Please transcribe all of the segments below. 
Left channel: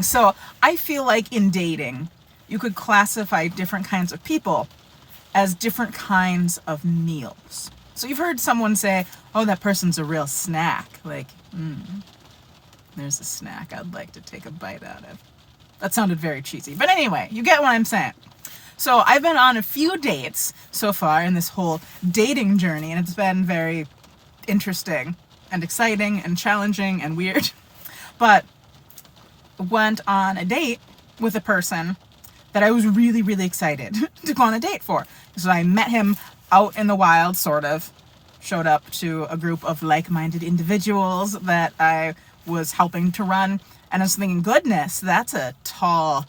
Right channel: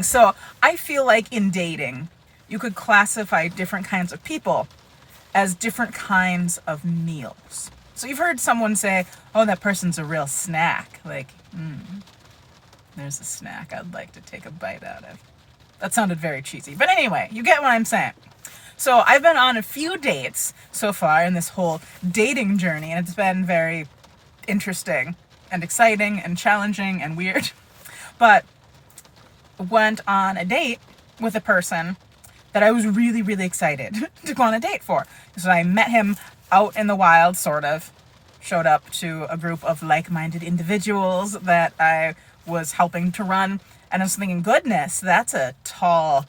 So I feel like in dating, you could classify different kinds of people as different kinds of meals. So you've heard someone say, oh, that person's a real snack. Like, there's a snack I'd like to take a bite out of. That sounded very cheesy. But anyway, you get what I'm saying. So I've been on a few dates so far in this whole dating journey, and it's been very interesting and exciting and challenging and weird. But went on a date with a person that I was really, really excited to go on a date for. So I met him out in the wild, sort of. Showed up to a group of like-minded individuals that I was helping to run. And I was thinking, goodness, that's a tall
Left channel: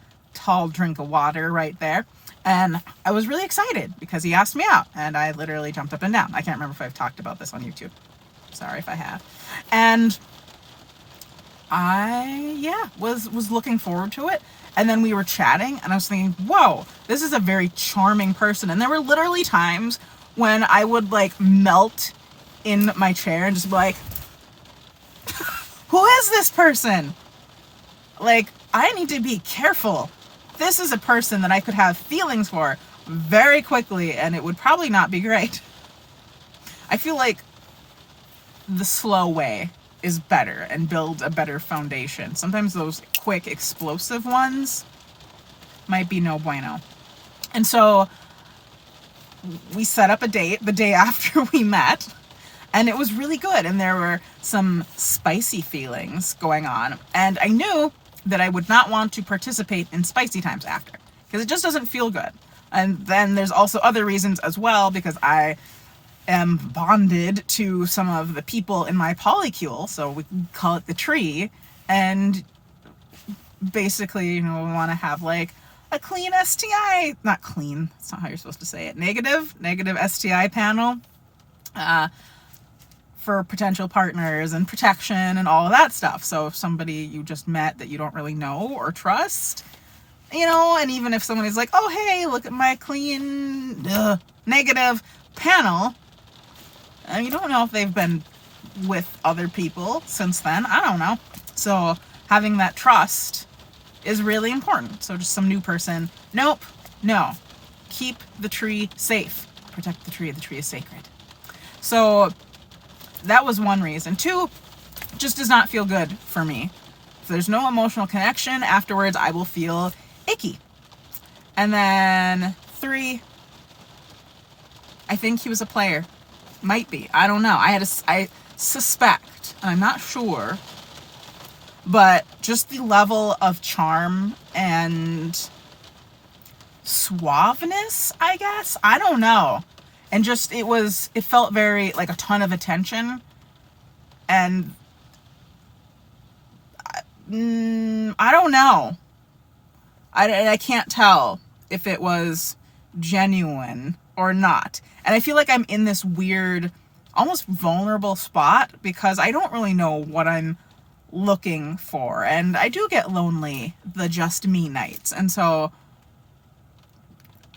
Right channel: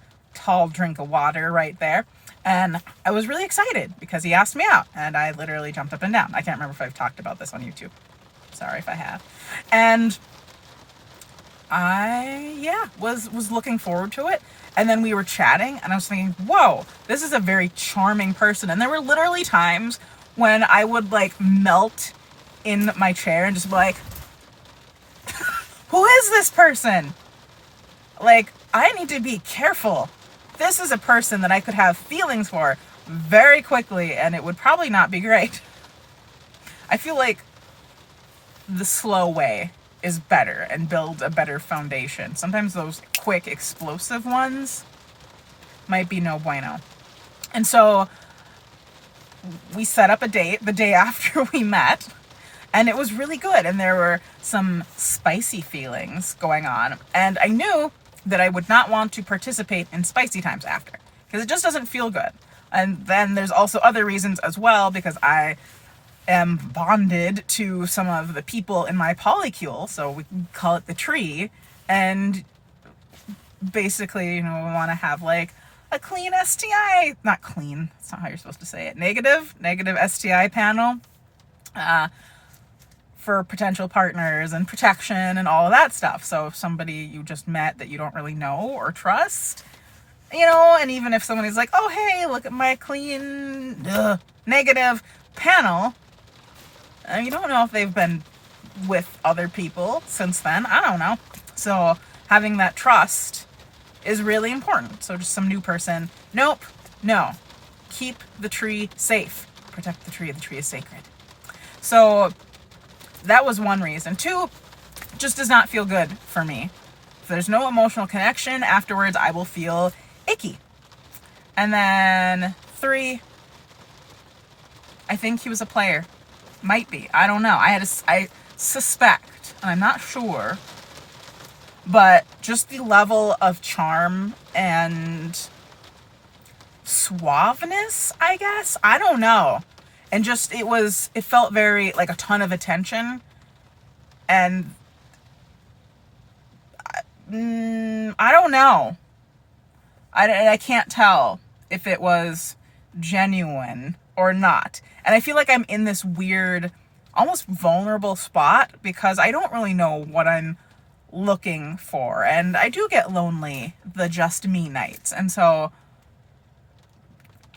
drink of water right there. And I was really excited because he asked me out. And I literally jumped up and down. I can't remember if I've talked about this on YouTube. Sorry if I have. And I was looking forward to it. And then we were chatting and I was thinking, whoa, this is a very charming person. And there were literally times when I would like melt in my chair and just be like, who is this person? Like, I need to be careful. This is a person that I could have feelings for very quickly and it would probably not be great. I feel like the slow way is better and build a better foundation. Sometimes those quick, explosive ones might be no bueno. And so we set up a date the day after we met, and it was really good. And there were some spicy feelings going on. And I knew that I would not want to participate in spicy times after, because it just doesn't feel good. And then there's also other reasons as well, because I am bonded to some of the people in my polycule, so we can call it the tree, and basically, we want to have like a clean STI, not clean, that's not how you're supposed to say it, negative STI panel for potential partners and protection and all of that stuff. So if somebody you just met that you don't really know or trust, and even if somebody's like, oh, hey, look at my clean negative panel, you don't know if they've been with other people since then. I don't know. So having that trust is really important. So just some new person. Nope. No. Keep the tree safe. Protect the tree. The tree is sacred. So that was one reason. 2, just does not feel good for me. If there's no emotional connection afterwards, I will feel icky. And then 3, I think he was a player. Might be. I don't know. I suspect, and I'm not sure, but just the level of charm and suaveness, I guess. I don't know. And just, it felt very like a ton of attention. And I don't know. I can't tell if it was genuine or not. And I feel like I'm in this weird, almost vulnerable spot because I don't really know what I'm looking for. And I do get lonely the just me nights. And so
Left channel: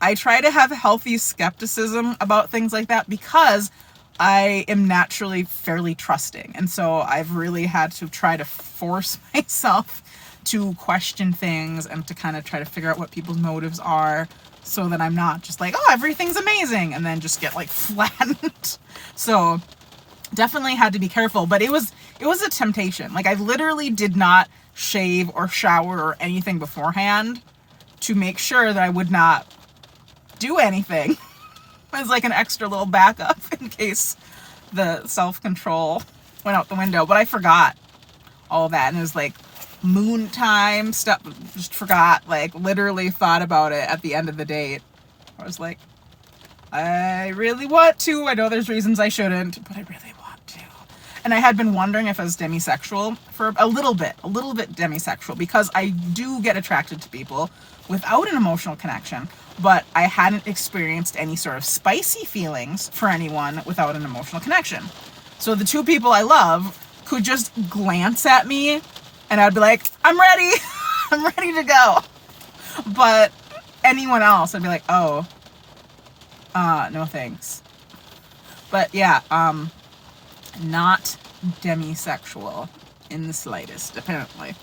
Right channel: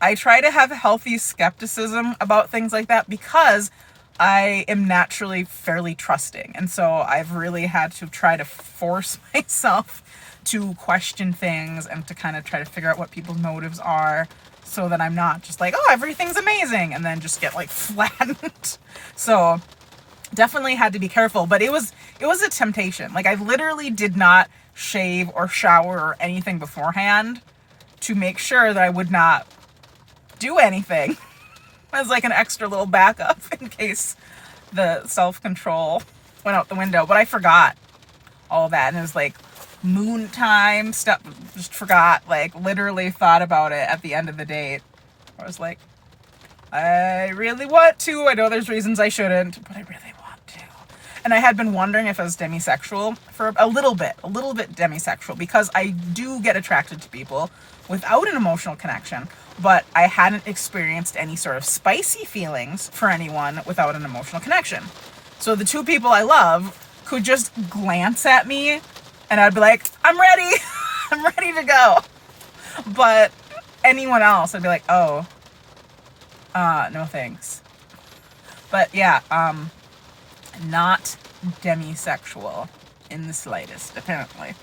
I try to have healthy skepticism about things like that because I am naturally fairly trusting. And so I've really had to try to force myself to question things and to kind of try to figure out what people's motives are so that I'm not just like, oh, everything's amazing, and then just get like flattened. So definitely had to be careful, but it was a temptation. Like I literally did not shave or shower or anything beforehand to make sure that I would not do anything as like an extra little backup in case the self-control went out the window. But I forgot all that, and it was like moon time stuff. Just forgot, like literally thought about it at the end of the date. I was like, I really want to. I know there's reasons I shouldn't, but I really want to. And I had been wondering if I was demisexual for a little bit demisexual, because I do get attracted to people without an emotional connection, but I hadn't experienced any sort of spicy feelings for anyone without an emotional connection. So the 2 people I love could just glance at me and I'd be like, I'm ready. I'm ready to go. But anyone else, I'd be like, oh, no thanks. But yeah, not demisexual in the slightest, apparently.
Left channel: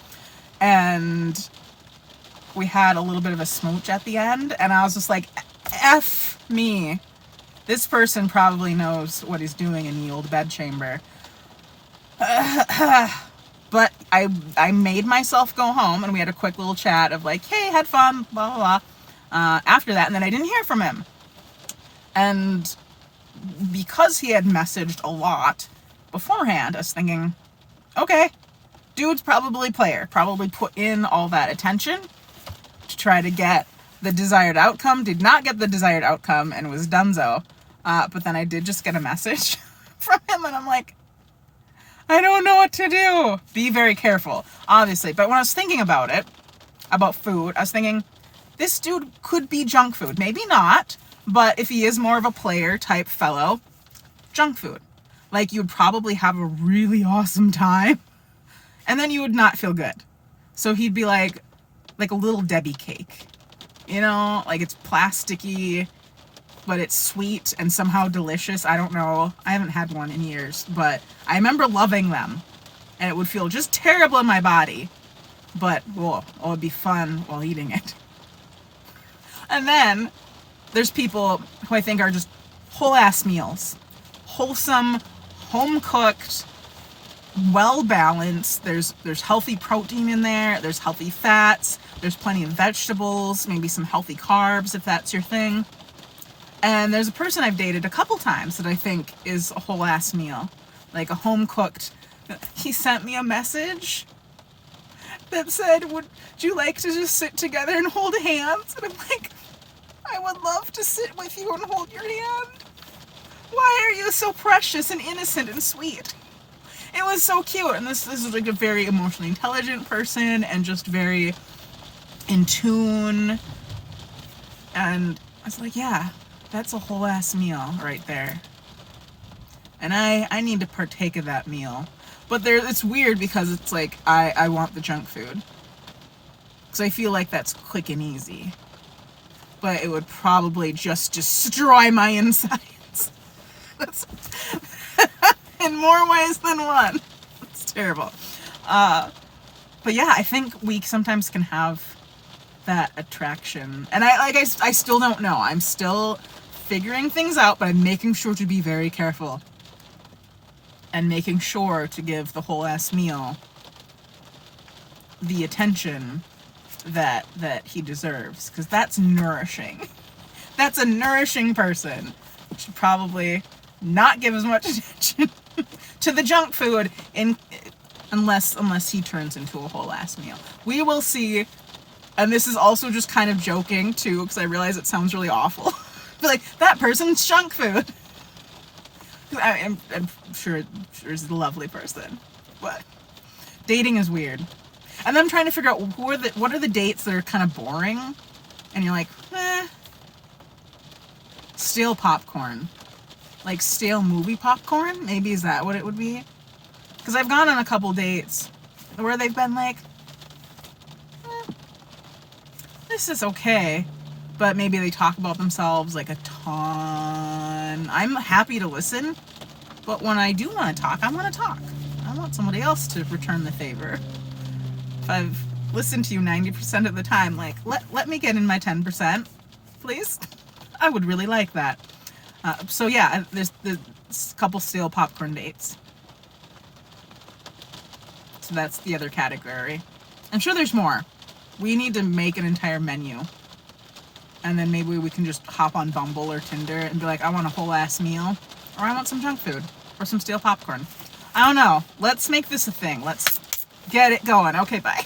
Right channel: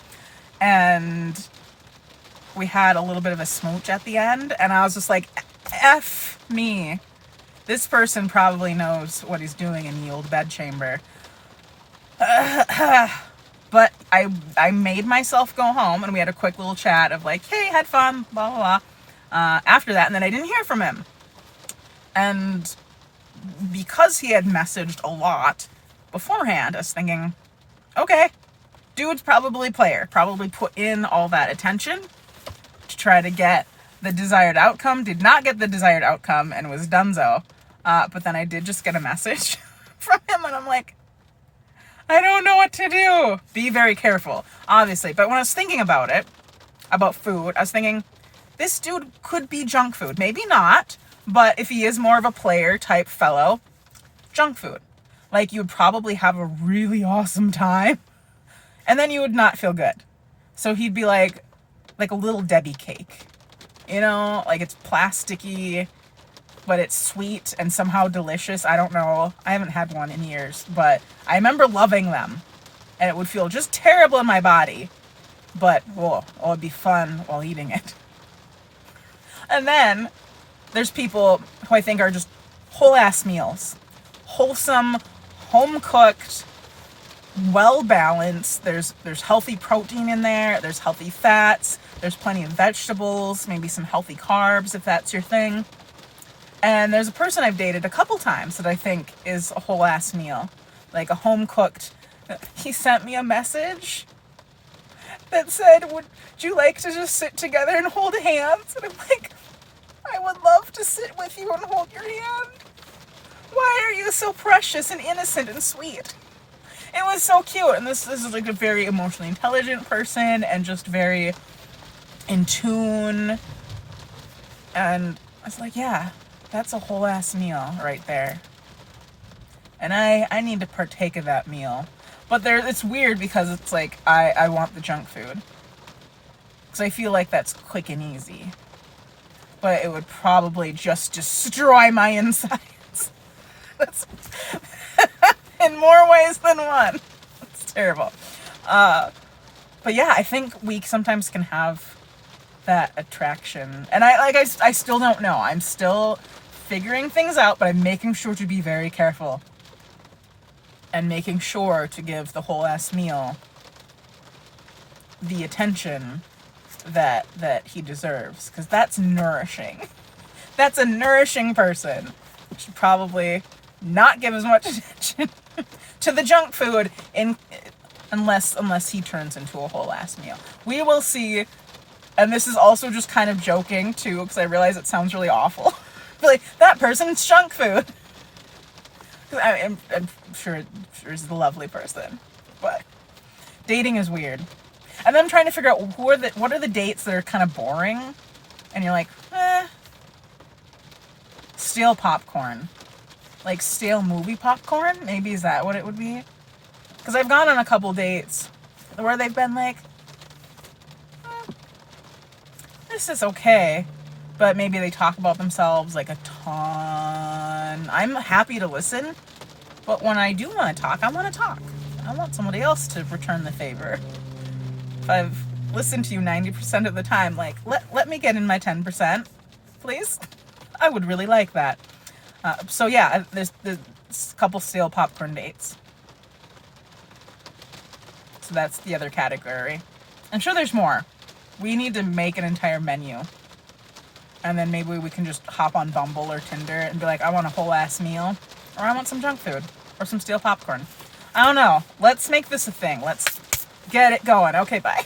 And we had a little bit of a smooch at the end, and I was just like, F me. This person probably knows what he's doing in the old bedchamber. But I made myself go home, and we had a quick little chat of like, hey, had fun, blah, blah, blah. After that, and then I didn't hear from him. And because he had messaged a lot beforehand, I was thinking, okay, dude's probably player, probably put in all that attention to try to get the desired outcome, did not get the desired outcome, and was donezo. But then I did just get a message from him, and I'm like, I don't know what to do. Be very careful, obviously. But when I was thinking about it, about food, I was thinking, this dude could be junk food. Maybe not, but if he is more of a player type fellow, junk food. Like, you'd probably have a really awesome time, and then you would not feel good. So he'd be like a little Debbie cake. You know, like it's plasticky, but it's sweet and somehow delicious. I don't know. I haven't had one in years, but I remember loving them. And it would feel just terrible in my body. But, it'd be fun while eating it. And then there's people who I think are just whole ass meals. Wholesome, home cooked, well balanced. There's healthy protein in there. There's healthy fats. There's plenty of vegetables, maybe some healthy carbs if that's your thing. And there's a person I've dated a couple times that I think is a whole ass meal. Like a home cooked. He sent me a message that said, would you like to just sit together and hold hands? And I'm like, I would love to sit with you and hold your hand. Why are you so precious and innocent and sweet? It was so cute. And this is like a very emotionally intelligent person and just very in tune. And I was like, yeah, that's a whole ass meal right there. And I need to partake of that meal. But it's weird because it's like I want the junk food. Because I feel like that's quick and easy. But it would probably just destroy my insides. That's in more ways than one. It's terrible. But yeah, I think we sometimes can have that attraction. And I still don't know. I'm still figuring things out, but I'm making sure to be very careful. And making sure to give the whole ass meal the attention that he deserves. Because that's nourishing. That's a nourishing person. Should probably not give as much attention to the junk food unless he turns into a whole ass meal. We will see. And this is also just kind of joking too, because I realize it sounds really awful. But like, that person's junk food. I'm sure he's a lovely person, but dating is weird. And then I'm trying to figure out what are the dates that are kind of boring, and you're like, stale popcorn, like stale movie popcorn. Maybe is that what it would be? Because I've gone on a couple dates where they've been like, this is okay. But maybe they talk about themselves like a ton. I'm happy to listen, but when I do want to talk, I want to talk. I want somebody else to return the favor. If I've listened to you 90% of the time, like, let me get in my 10%, please. I would really like that. So yeah, there's a couple stale popcorn dates. So that's the other category. I'm sure there's more. We need to make an entire menu. And then maybe we can just hop on Bumble or Tinder and be like, I want a whole ass meal. Or I want some junk food. Or some stale popcorn. I don't know. Let's make this a thing. Let's get it going. Okay, bye.